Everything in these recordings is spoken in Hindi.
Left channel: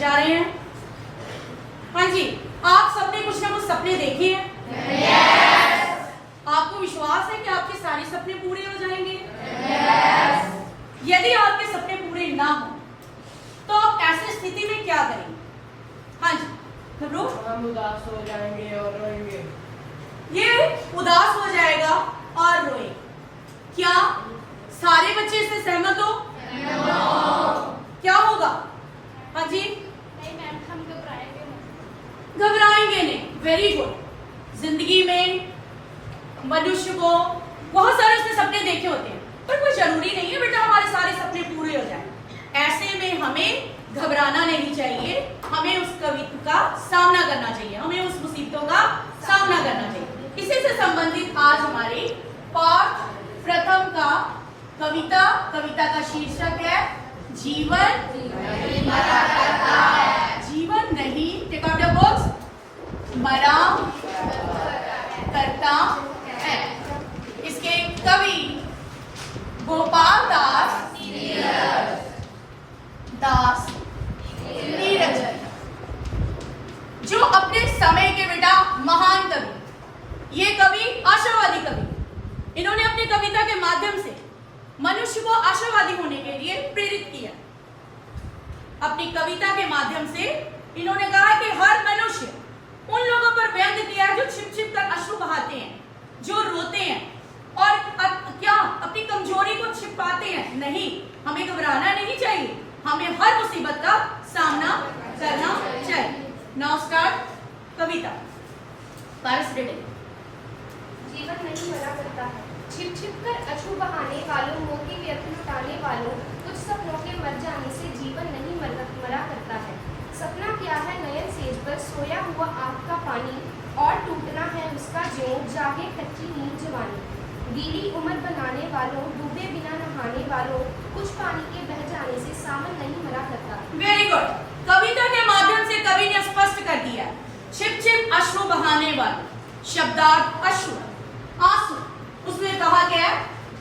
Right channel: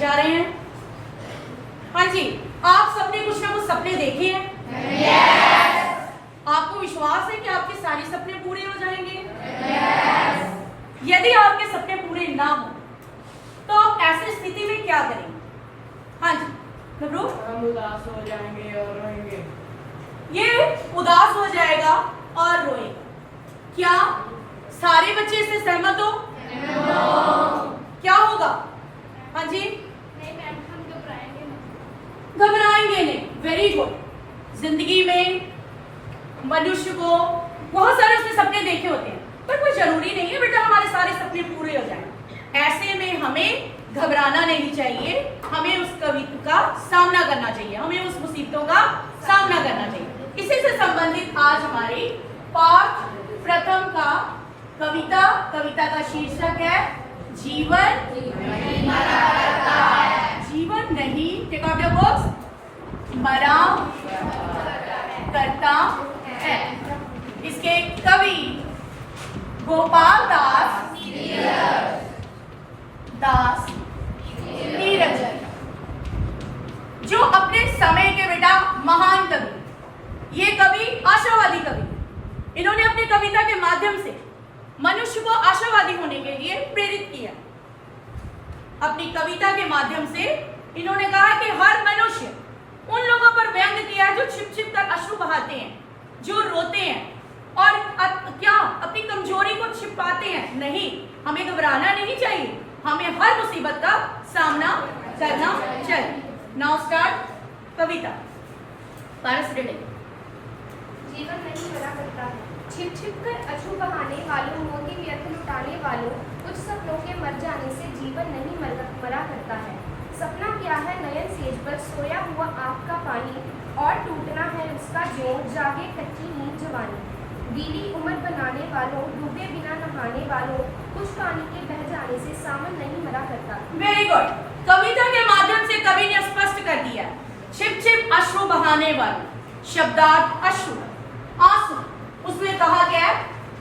जा रहे हैं। हाँ जी, आप सबने कुछ ना कुछ सपने देखे हैं? yes. आपको विश्वास है कि आपके सारे सपने पूरे हो जाएंगे? yes. यदि आपके सपने पूरे ना हो तो आप ऐसी स्थिति में क्या करेंगे? हाँ जी, घबरो। हम उदास हो जाएंगे और रोएंगे। ये उदास हो जाएगा और रोएगा। क्या सारे बच्चे इससे सहमत हो? क्या होगा? हाँ जी, नहीं मैम, हम घबराएंगे नहीं। घबराएंगे नहीं। Very good. जिंदगी में मनुष्य को बहुत सारे उसने सपने देखे होते हैं, पर कोई जरूरी नहीं है बेटा हमारे सारे सपने पूरे हो जाएं। ऐसे में हमें घबराना नहीं चाहिए, हमें उस कविता का सामना करना चाहिए, हमें उस मुसीबतों का सामना करना चाहिए। इसी से संबंधित आज हमारी पाठ प्रथम का कविता का शीर्षक है जीवन नहीं मरा करता है। जीवन नहीं, टेक आउट योर बुक्स, मरा करता है। इसके कवि गोपाल दास नीरज, जो अपने समय के बेटा महान कवि, ये कवि आशावादी कवि, इन्होंने अपनी कविता के माध्यम से मनुष्य को आशावादी होने के लिए प्रेरित किया। अपनी कविता के माध्यम से इन्होंने कहा कि हर मनुष्य उन लोगों पर व्यंग किया है जो छिप छिप कर अश्रु बहाते हैं, जो रोते हैं और क्या अपनी कमजोरी को छिपाते हैं। नहीं, हमें घबराना नहीं चाहिए, हमें हर मुसीबत का सामना करना चाहिए। नाउ स्टार्ट कविता। पारस रीडिंग। जीवन नहीं मरा करता है। छिप छिप कर अश्रु बहाने वालों, मोती व्यर्थ लुटाने वालों, कुछ सपनों के मर जाने से जीवन नहीं मरा करता है। सपना क्या है नयन सेज पर सोया हुआ आँख का पानी, और टूटना है उसका जोर जागे कच्ची नींद जवानी। गीली उम्र बनाने वालों, डूबे बिना नहाने वालों, कुछ पानी के बह जाने से सावन नहीं मरा करता। Very good. कविता के माध्यम से कवि ने स्पष्ट कर दिया, छिप छिप अश्रु बहाने वाले, शब्दार्थ अश्रु, आंसू। उसमें कहा गया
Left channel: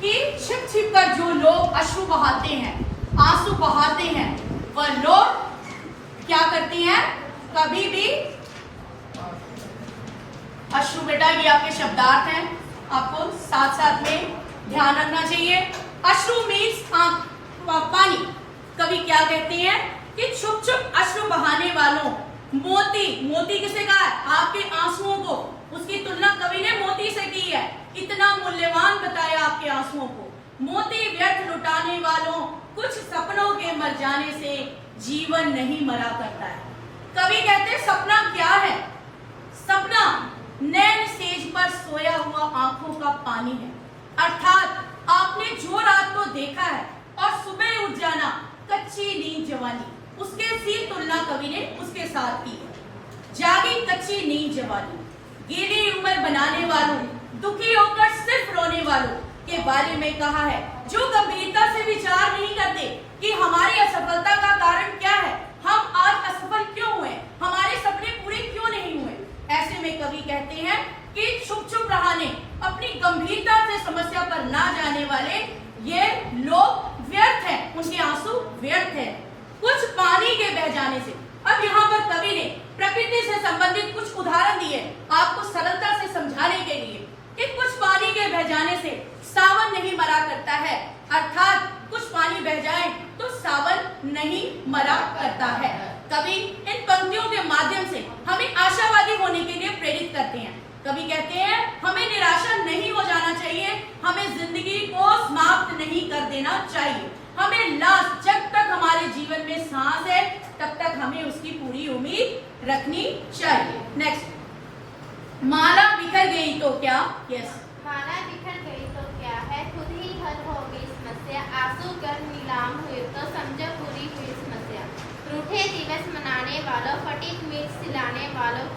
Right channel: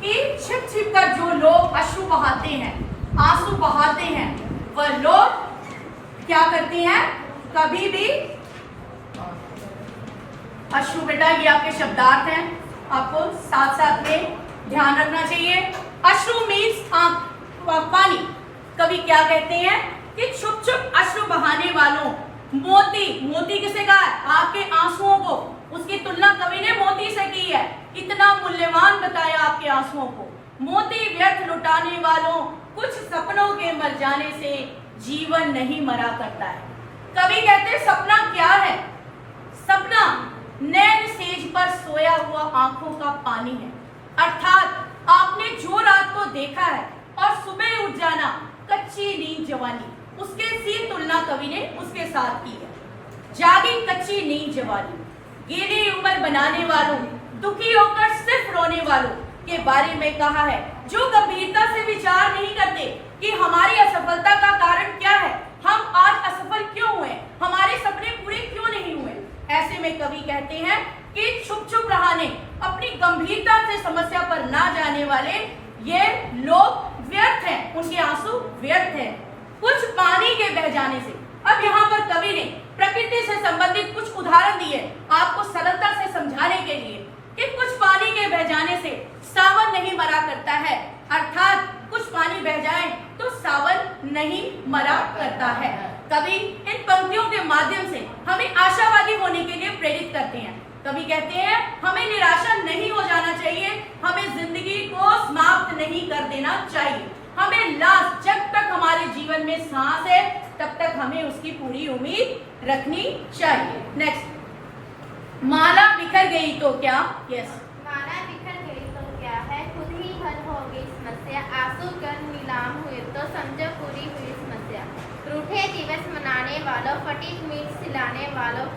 कि छिप छिप कर जो लोग अश्रु बहाते हैं, आंसू बहाते हैं, वह लोग क्या करते हैं? कभी भी अश्रु, बेटा ये आपके शब्दार्थ हैं, आपको साथ साथ में ध्यान रखना चाहिए। अश्रु मीन्स पानी। कवि क्या कहते हैं कि छुप छुप अश्रु बहाने वालों, मोती किसे कहा है? आपके आंसुओं को, उसकी तुलना कवि ने मोती से की है। इतना मूल्यवान बताया आपके आंसुओं को। मोती व्यर्थ लुटाने वालों, कुछ सपनों के मर जाने से जीवन नहीं मरा करता है। कवि कहते हैं सपना क्या है? सपना नैन सेज पर सोया हुआ आंखों का पानी है। अर्थात आपने जो रात को देखा है और सुबह उठ जाना, कच्ची नींद जवानी, उसके सी तुलना कवि ने उसके साथ की है। जागी कच्ची नींद जवानी, गीली उम्र बनाने वालों, दुखी होकर सिर्फ रोने वालों के बारे में कहा है, जो गंभीरता से विचार नहीं करते कि हमारी असफलता का कारण क्या है, हम आज असफल क्यों हुए, हमारे सपने पूरे क्यों नहीं हुए। ऐसे में कवि कहते हैं कि छुप छुप रहने, अपनी गंभीरता से समस्या पर ना जाने वाले ये लोग व्यर्थ हैं, उनके आंसू व्यर्थ हैं, कुछ पानी के बह जाने से। अब यहाँ पर कवि ने प्रकृति से संबंधित कुछ उदाहरण दिए आपको सरलता से समझाने के लिए कि कुछ पानी के बह जाने से सावन नहीं मरा करता है, अर्थात कुछ पानी बह जाए तो सावन नहीं मरा करता है। कवि इन पंक्तियों के माध्यम से हमें आशावादी होने के लिए प्रेरित करते हैं। कवि कहते हैं हमें निराशा नहीं हो जाना चाहिए, हमें जिंदगी को समाप्त नहीं कर देना चाहिए, हमें लास्ट जब तक हमारे जीवन में सांस है तब तक हमें उसकी पूरी उम्मीद रखनी चाहिए। नेक्स्ट, माला बिखर गई तो क्या? यस। माला बिखर गई तो क्या है, खुद ही हल हो गई समस्या, आंसू गन नीलाम हुए तो समझो पूरी हुई समस्या। रूठे दिवस मनाने वालों, फटी मीट सिलाने वालों,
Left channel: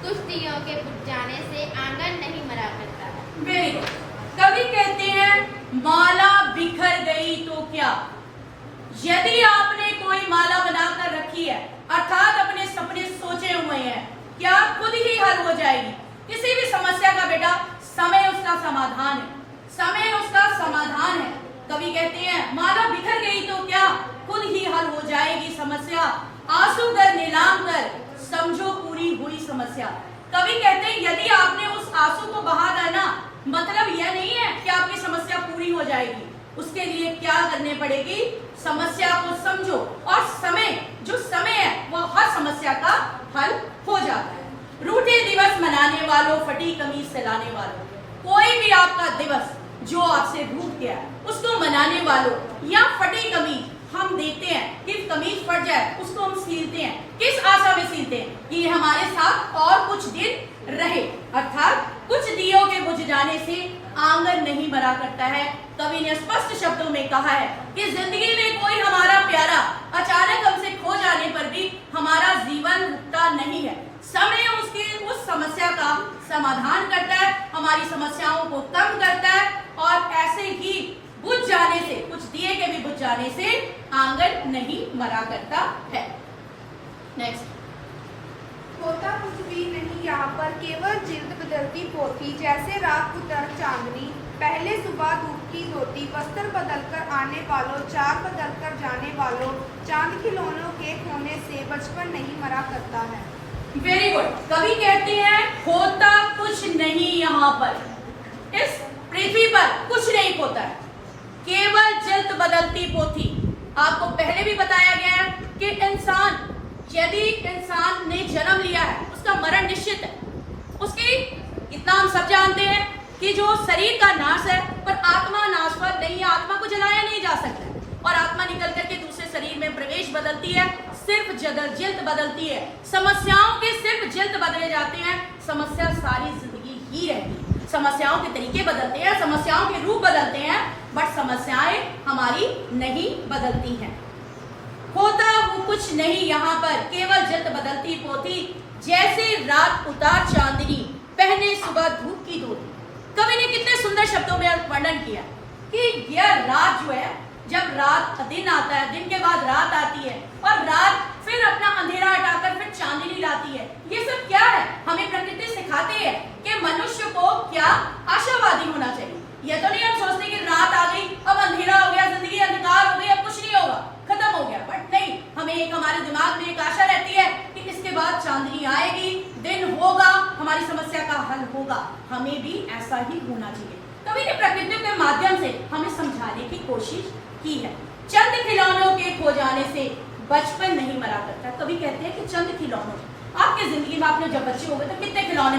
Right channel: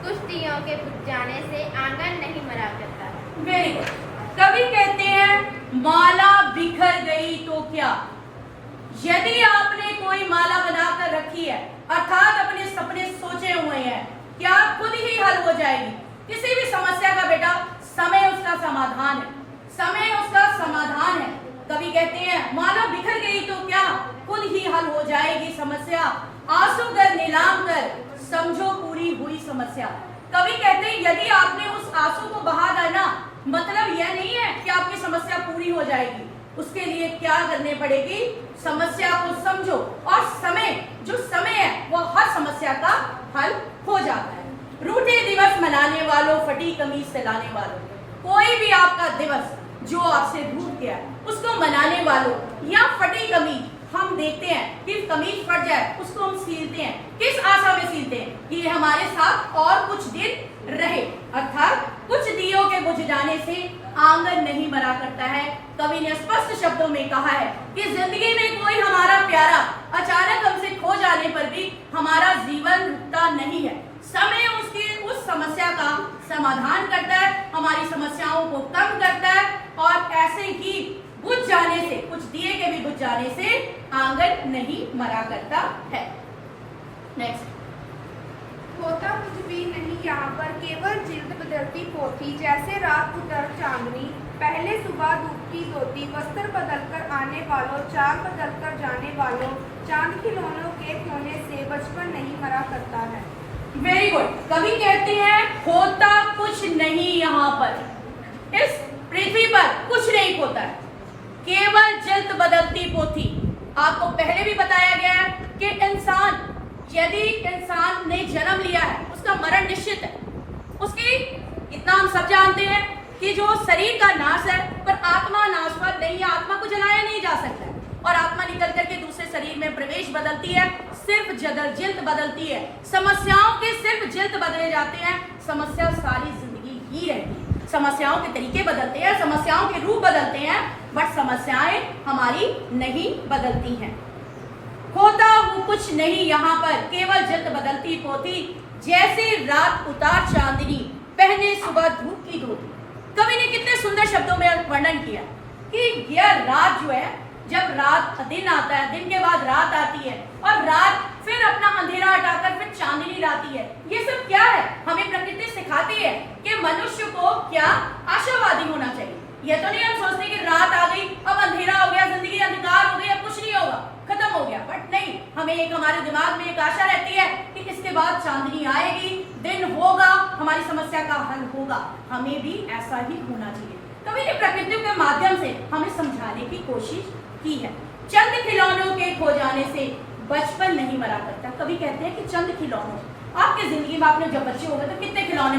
कुछ दियों के बुझ जाने से आंगन नहीं मरा करता। Very good. कवि कहते हैं माला बिखर गई तो क्या? यदि आपने कोई माला बनाकर रखी है, अर्थात अपने सपने सोचे हुए हैं, क्या खुद ही हल हो जाएगी? किसी भी समस्या का बेटा समय उसका समाधान है, समय उसका समाधान है। कवि कहते हैं माला बिखर गई तो क्या, खुद ही हल हो जाएगी समस्या। आंसू कर नीलाम कर, समझो पूरी हुई समस्या। कवि कहते हैं यदि आपने उस आंसू को बहा दिया ना, मतलब यह नहीं है कि आपकी समस्या पूरी हो जाएगी। उसके लिए क्या करने पड़ेगी? समस्या को समझो, और जो समय है वो हर समस्या का हल हो जाता है। रूठे दिवस मनाने वालों, फटी कमीज सिलाने वालों, कोई भी आपका दिवस जो आपसे रूठ गया उसको मनाने वालों, या फटी कमीज हम देखते हैं कि कमीज फट जाए उसको हम सीलते हैं, किस आशा में सीलते हैं कि ये हमारे साथ और कुछ दिन रहे, अर्थात कुछ दियों के बुझ जाने से आंगन नहीं मरा करता है। कवि ने स्पष्ट शब्दों में कहा है कि जिंदगी में कोई हमारा प्यारा अचानक हमसे खो जाने पर भी हमारा जीवन रुकता नहीं है। समय उसकी उस समस्या का समाधान करता है, हमारी समस्याओं को कम करता है, और ऐसे ही बुझ जाने से, कुछ दिए के भी बुझ जाने से आंगन नहीं मरा करता है। नेक्स्ट। होता कुछ भी नहीं यहाँ पर, केवल जिल्द बदलती पोथी, जैसे रात उतर चांदनी, पहले सुबह धूप की धोती, वस्त्र बदलकर आने वालों, चाल बदलकर जाने वालों, चांद खिलौनों के खोने से बचपन नहीं मरा करता है। Very good. कवि कहते हैं होता कुछ नहीं यहाँ पर, इस पृथ्वी पर कुछ नहीं होता है, केवल जिल्द बदलती पोथी। आपको पहले भी बताया गया है कि यदि इंसान ने जन्म लिया है उसका मरण निश्चित है। उसकी इतना हम सब जानते हैं कि जो शरीर का नाश है पर आत्मा नाशवत नहीं है, आत्मा को जलाया नहीं जा सकता है, और आत्मा निकल करके दूसरे शरीर में प्रवेश बदलती है, सिर्फ जिल्द बदलती है। समस्याओं के सिर्फ जिल्द बदले जाते हैं, समस्या सारी जिंदगी ही रहती है। समस्याओं के तरीके बदलते हैं, समस्याओं के रूप बदलते हैं, बट समस्याएं हमारी नहीं बदलती हैं। होता वो कुछ नहीं यहाँ पर, केवल जिल्द बदलती पोथी, जैसे रात उतार चांदनी, पहने सुबह धूप की धोती। कवि ने कितने सुंदर शब्दों में वर्णन किया कि यह रात जो है, जब रात दिन आता है, दिन के बाद रात आती है, और रात फिर अपना अंधेरा हटाकर फिर चांदनी लाती है। ये सब क्या है? हमें प्रकृति सिखाती है कि मनुष्य को क्या आशावादी होना चाहिए। यह तो नहीं हम सोचते कि रात आ गई, अब अंधेरा हो गया, जिंदगी अंधकार हो गई, अब कुछ नहीं होगा, खत्म हो गया। बट नहीं, हमें एक हमारे दिमाग में एक आशा रहती है कि इसके बाद चांदनी आएगी, दिन होगा, हमारी समस्या का हल होगा। हमें भी ऐसा ही होना चाहिए। कवि ने प्रकृति के माध्यम से हमें समझाने की कोशिश की है। चंद खिलौनों के खो जाने से बचपन नहीं मरा करता। कवि कहते हैं कि चंद खिलौनों, आपके जिंदगी में आपने जब बच्चे हो गए तो कितने खिलौने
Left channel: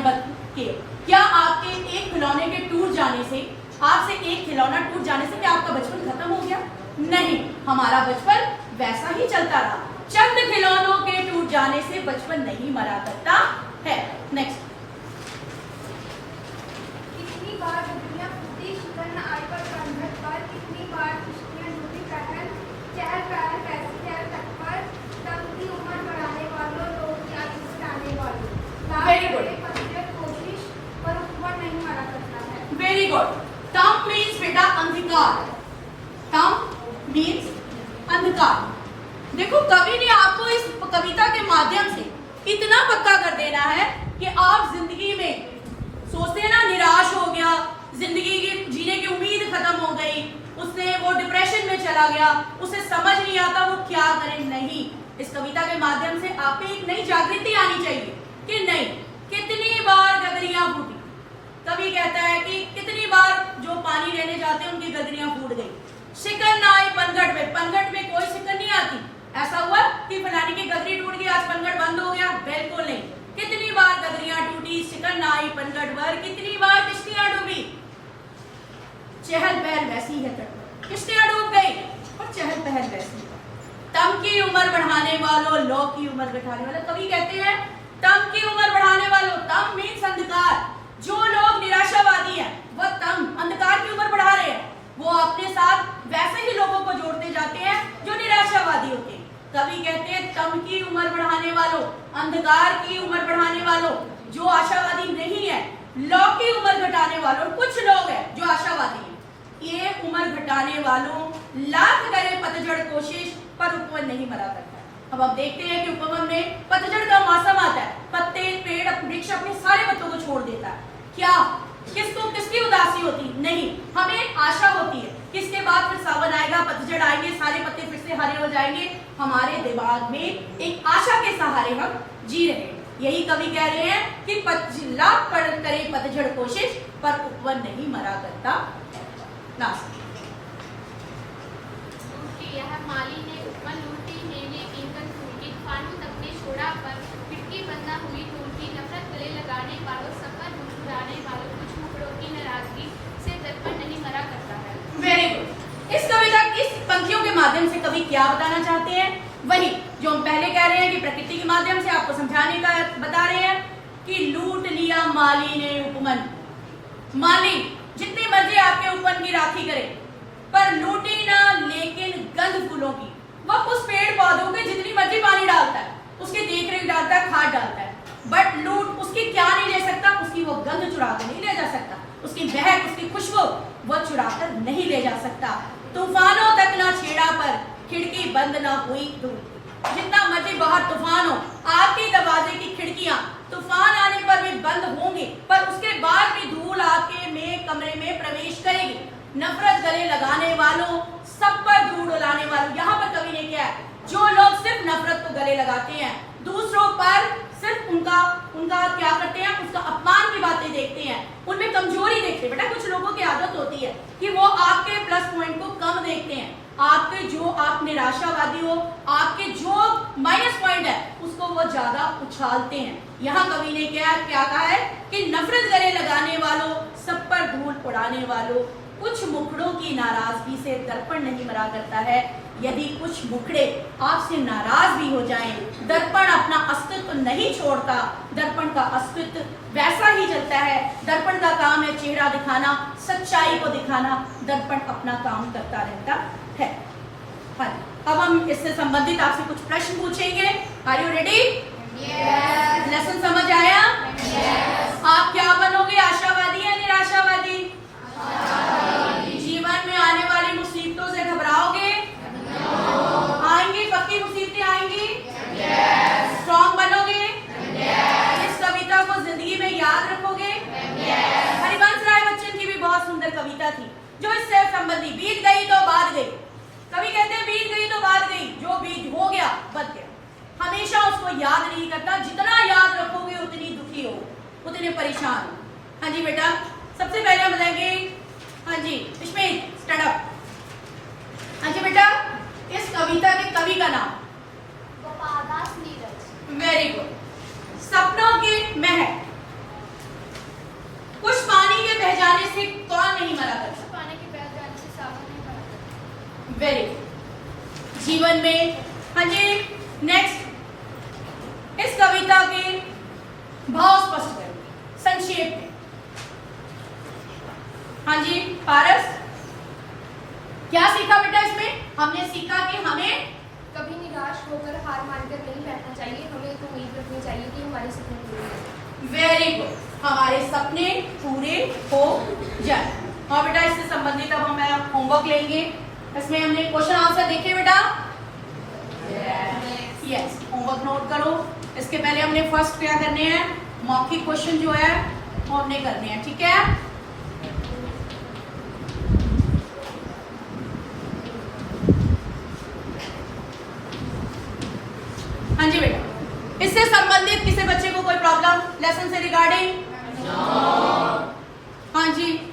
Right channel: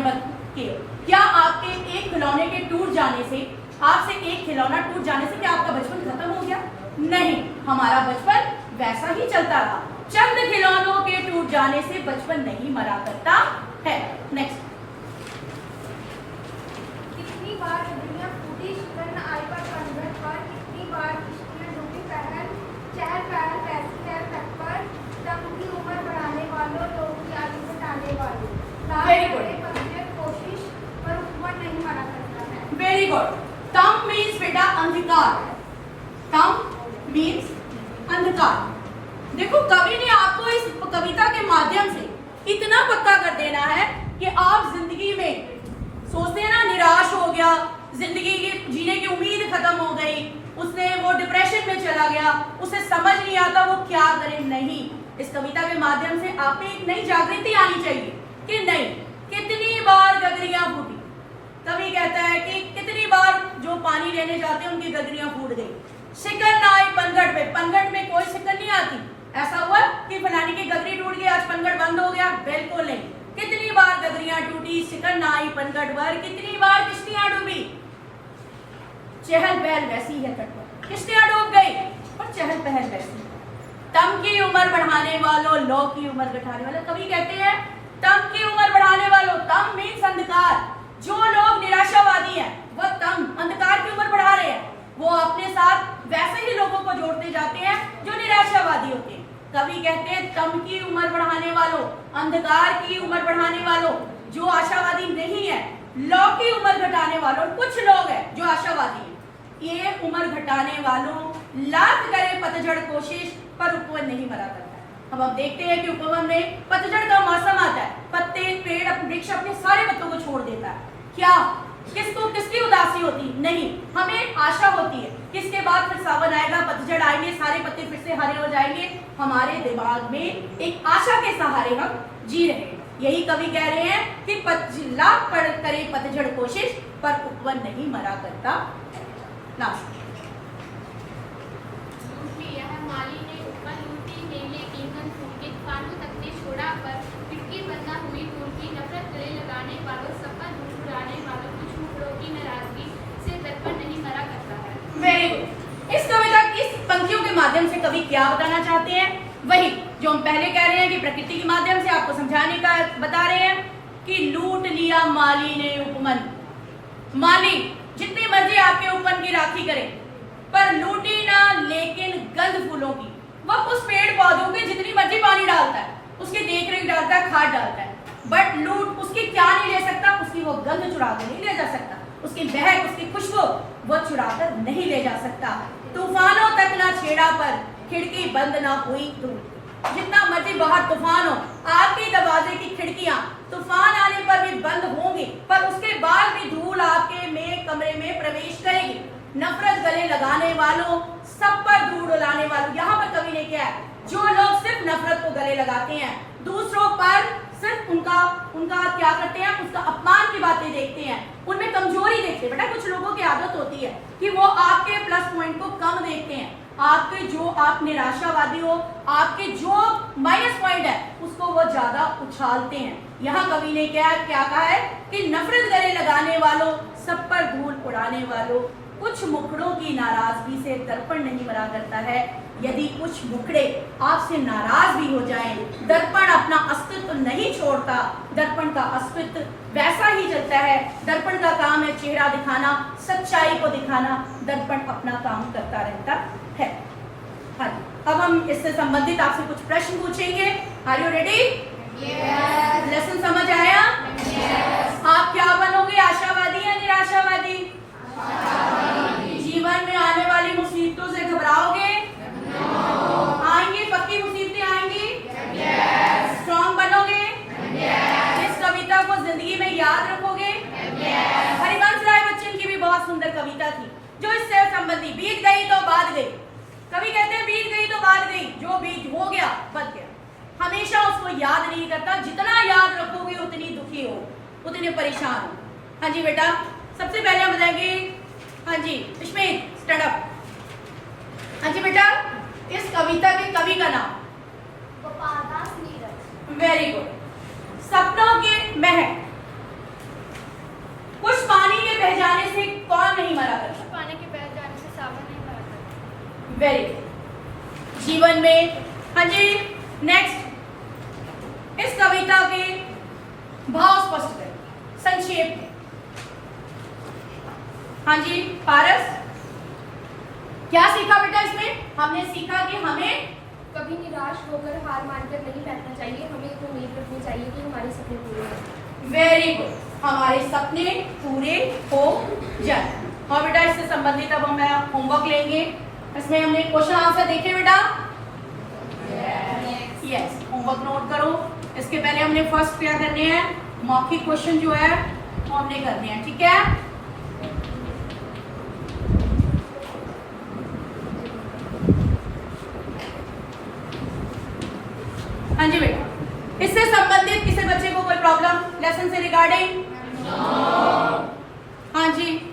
किए? क्या आपके एक खिलौने के टूट जाने से, आपसे एक खिलौना टूट जाने से क्या आपका बचपन खत्म हो गया? नहीं, हमारा बचपन वैसा ही चलता रहा। चंद खिलौनों के टूट जाने से बचपन नहीं मरा करता है। नेक्स्ट। कितनी बार दुनिया फूटी, शिकन न आई पर कंधर पर, कितनी बार किश्तियां डूबी पहल, चहल पहल पैर तक पर, तब की उम्र बढ़ाने वालों, लोग की आदि से टालने वालों, Very good. कोशिश पर ऊपर नहीं मरा करता है। Very good. तम मीन्स बेटा अंधकार, तम मीन्स अंधकार। देखो, कवि ने आपको इस कविता के माध्यम से इतना पक्का कर देना है कि आप जिंदगी में सोचते हैं ना, निराश हो गया, जिंदगी की जीने की उम्मीद खत्म हो गई, उसने वो डिप्रेशन में चला गया, उसे समझ नहीं आता वो क्या करे। नहीं, इस कविता के माध्यम से आप में एक नई जागृति आनी चाहिए कि नहीं, कितनी बार गगरियां फूटी। कवि कहता है कि कितनी बार जो पानी लेने जाते हैं उनकी गगरियां फूट गई। शिकन ना आई पनघट में, पनघट में कोई शिकन नहीं आती। ऐसा हुआ कि फलाने की गगरी टूट गई, आज पनघट बंद हो गया? बिल्कुल नहीं। कितनी बार गगरियां टूटी, शिकन ना आई पनघट पर, कितनी बार किश्तियां डूबी। चहल पहल वैसी है तट पर, किश्तियां डूब गई और चहल पहल वैसी। तम की उम्र बढ़ाने वालों, लौ की उम्र घटाने वालों। कवि कहते हैं तम की उम्र बढ़ाने वालों, तम मीन्स अंधकार। जो लोग निराशावादी हैं वह तम, अंधकार की उम्र बढ़ा रहे हैं, वो अपने साथ वैसे ही लोगों को जोड़ते जाते हैं जो निराशावादी होते हैं। कवि कहते हैं तम की उम्र बढ़ाने वालों, अंधकार की उम्र बढ़ाने वालों, जो आशावादी नहीं है, लौ की उम्र घटाने वालों। कुछ लोग हैं जो आशावादी हैं, ये उम्र घटाने वालों लाख करे पतझड़ कोशिश पर उपवन नहीं मरा करता। अब आप देखते हैं कि उपवन में पतझड़ का मौसम आता है, पत्ते, पेड़, वृक्ष अपने सारे पत्तों को छोड़ देता है। क्या किसको किसकी उदासी होती नहीं, हमें आशा होती है कि इसके बाद फिर सावन आएगा, पतझड़ आएंगे, सारे पत्ते फिर से हरे हो जाएंगे। हमारे दिमाग में एक आशा के सहारे हम जी रहे हैं। यही कवि कह रहे हैं कि लाख पढ़ करे पतझड़ कोशिश, पर उपवन नहीं मरा करता नासिक। यह माली ने उपवन लूटी ने ये इंगन फूकी, खानों तक ने छोड़ा पर खिड़की बंद न हुई टूल की। नफरत गले लगाने वालों, सफर मुस्कुराने वालों, कुछ मुखड़ों की नाराजगी से दर्पण नहीं मरा करता है। Very good. इस कविता की इस पंक्तियों के माध्यम से कवि क्या बताना चाहते हैं? वही जो हम पहले कह रहे हैं कि प्रकृति के माध्यम से आपको समझाने का बता रहे हैं कि लूट लिया माली ने उपवन। माली जितनी मर्जी आपके उपवन की राखी करे, पर लूटी ना लेकिन गंध फूलों की। वह उस पेड़ पौधों के जितनी मर्जी पानी डालता है, उसकी देख रेख डालता है, खाद डालता है, बट लूट उसकी क्या नहीं ले सकता? उसकी वो गंध चुरा कर नहीं ले जा सकता, उसकी महक, उसकी खुशबू वो चुरा कर नहीं ले जा सकता। तूफानों तक ना छेड़ा पर खिड़की बंद ना हुई धूल। जितना मर्जी बाहर तूफान हो, आपके दरवाजे की खिड़कियां तूफान आने पर भी बंद होंगी, पर उसके बाद भी धूल आपके में कमरे में प्रवेश करेगी। नफरत गले लगाने वालों, सब पर धूल उड़ाने वालों। यहाँ पर कवि ने क्या है, जो लोग सिर्फ नफरत को गले लगाते हैं, दूसरों पर सिर्फ उनका क्या करते हैं, उसका अपमान की बातें देखते हैं, उनमें कमजोरी देखते हैं। बेटा कुछ लोगों की आदत होती है कि वो आपके प्लस पॉइंट को कम देखते हैं, आपके जो आप निराशावादी हो, आपके जो माइनस पॉइंट है उसको वो ज्यादा उछालते हैं। यहाँ कवि ने क्या कहा है कि नफरत गले लगाने वालों, सब पर धूल उड़ाने वालों, कुछ मुखड़ों की नाराजगी से दर्पण नहीं मरा करता है। यदि कुछ मुखड़े आपसे नाराज भी हो जाएं, दर्पण अपना अस्तित्व नहीं छोड़ता, दर्पण का अस्तित्व वैसा ही चलता है। दर्पण का काम है चेहरा दिखाना, सच्चाई को दिखाना, दर्पण अपना काम करता रहता है। हाँ, अब हम इससे संबंधित आपसे कुछ प्रश्न पूछेंगे। Are you ready? Yes. Lesson समझ आया? Yes. आप क्या बनोगे, आशावादी या निराशावादी? जीवन में आने वाली मुसीबतों से घबराओगे? आएंगी, पक्की मुसीबतें आएंगी? स्ट्रॉन्ग बनोगे? इस कविता को जिंदगी में याद रखोगे? हरिवंश राय बच्चन की भी बहुत सुंदर कविता थी जो इससे संबंधी, बीत गई तो बात गई। कवि कहते हैं बीत गई तो बात गई, जो बीत हो गया बच गया। हमेशा उसको याद नहीं करता, जितना याद रखोगे उतनी दुखी हो, उतने परेशान हो। हाँ जी बेटा, सबसे पहले हम बताएंगे। हाँ जी विस्मित, स्टैंड अप। हाँ जी बेटा, इस कविता के कवि का नाम? गोपालदास नीरज। Very good. सपनों के महक। कुछ पानी के बह जाने से कौन नहीं मरा करता? पानी के बह जाने से सावन नहीं मरा करता। Very good. जीवन में, हाँ जी नेक्स्ट, इस कविता के भाव स्पष्ट करें संक्षेप में। हाँ जी पारस, क्या सीखा बेटा इसमें? हमने सीखा कि हमें कभी निराश होकर हार मानकर नहीं बैठना चाहिए, हमें एक उम्मीद रखनी चाहिए कि हमारे सपने पूरे हों। वेरी गुड, हमारे सपने पूरे हो जाए। और बेटा इससे संबंधित अब हम होमवर्क लेंगे। इसमें हमने क्वेश्चन आंसर देखे बेटा? यस, होमवर्क नोट करो। इसके पहले हमने फर्स्ट क्या करने हैं, मौखिक क्वेश्चन जो है वो हमने करने हैं, ठीक है? हाँ जी बेटा, इससे संबंधित किसी बच्चे को कोई प्रॉब्लम लेसन से रिगार्डिंग? हाँ जी